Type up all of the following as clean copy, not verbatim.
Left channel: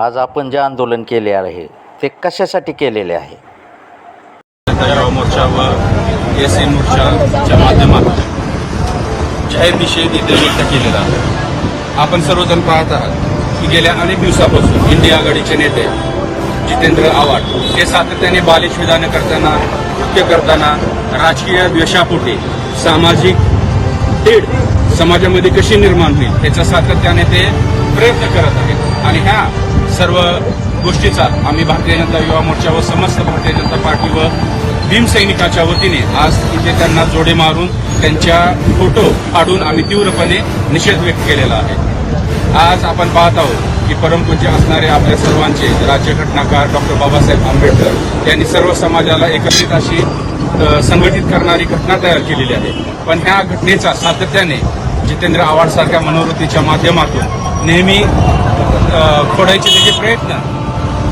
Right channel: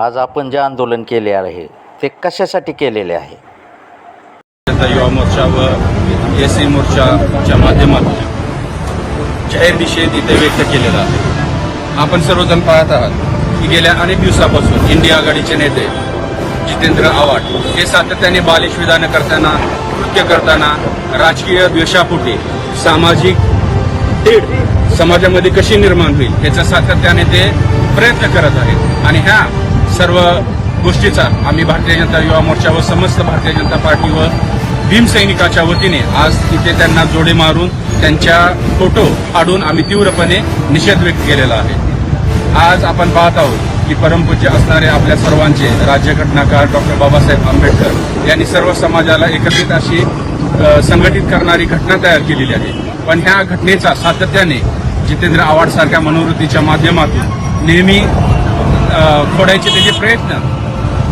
आज आपण जे आंदोलन केले आहे ते कशासाठी केलेले आहे? युवा मोर्चा व एसी मोर्चाच्या माध्यमातून जाहीर निषेध इथे व्यक्त केलेला आहे. आपण सर्वजण पाहत आहात की गेल्या अनेक दिवसापासून इंडिया आघाडीचे नेते जितेंद्र आव्हाड हे सातत्याने बालिश विधानं करताना, कृत्य करताना, राजकीय द्वेषापोटी सामाजिक तेढ समाजामध्ये कशी निर्माण होईल याचा सातत्याने ते प्रयत्न करत आहेत. आणि ह्या सर्व गोष्टीचा आम्ही भारतीय जनता युवा मोर्चा व समस्त भारतीय जनता पार्टी व भीमसैनिकाच्या वतीने आज इथे त्यांना जोडे मारून त्यांच्या फोटो फाडून आम्ही तीव्रपणे निषेध व्यक्त केलेला आहे. आज आपण पाहत आहोत की परमपूज्य असणारे आपल्या सर्वांचे राज्यघटनाकार डॉक्टर बाबासाहेब आंबेडकर यांनी सर्व समाजाला एकत्रित अशी संघटित करणारी घटना तयार केलेली आहे. पण ह्या घटनेचा सातत्याने जितेंद्र आव्हाड सारख्या मनोवृत्तीच्या माध्यमातून नेहमी फोडायचे त्याचे प्रयत्न,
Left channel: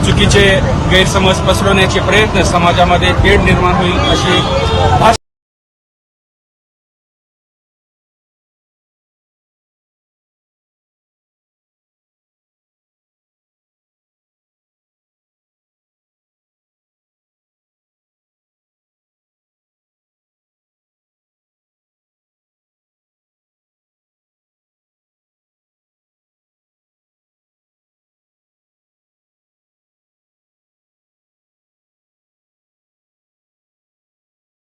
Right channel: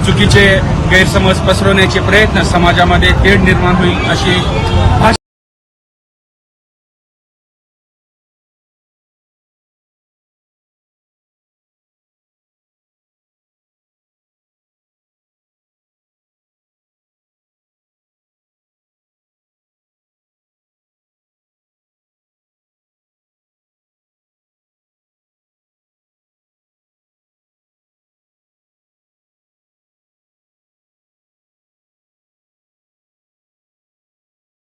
चुकीचे गैरसमज पसरवण्याचे प्रयत्न, समाजामध्ये तेढ निर्माण होईल अशी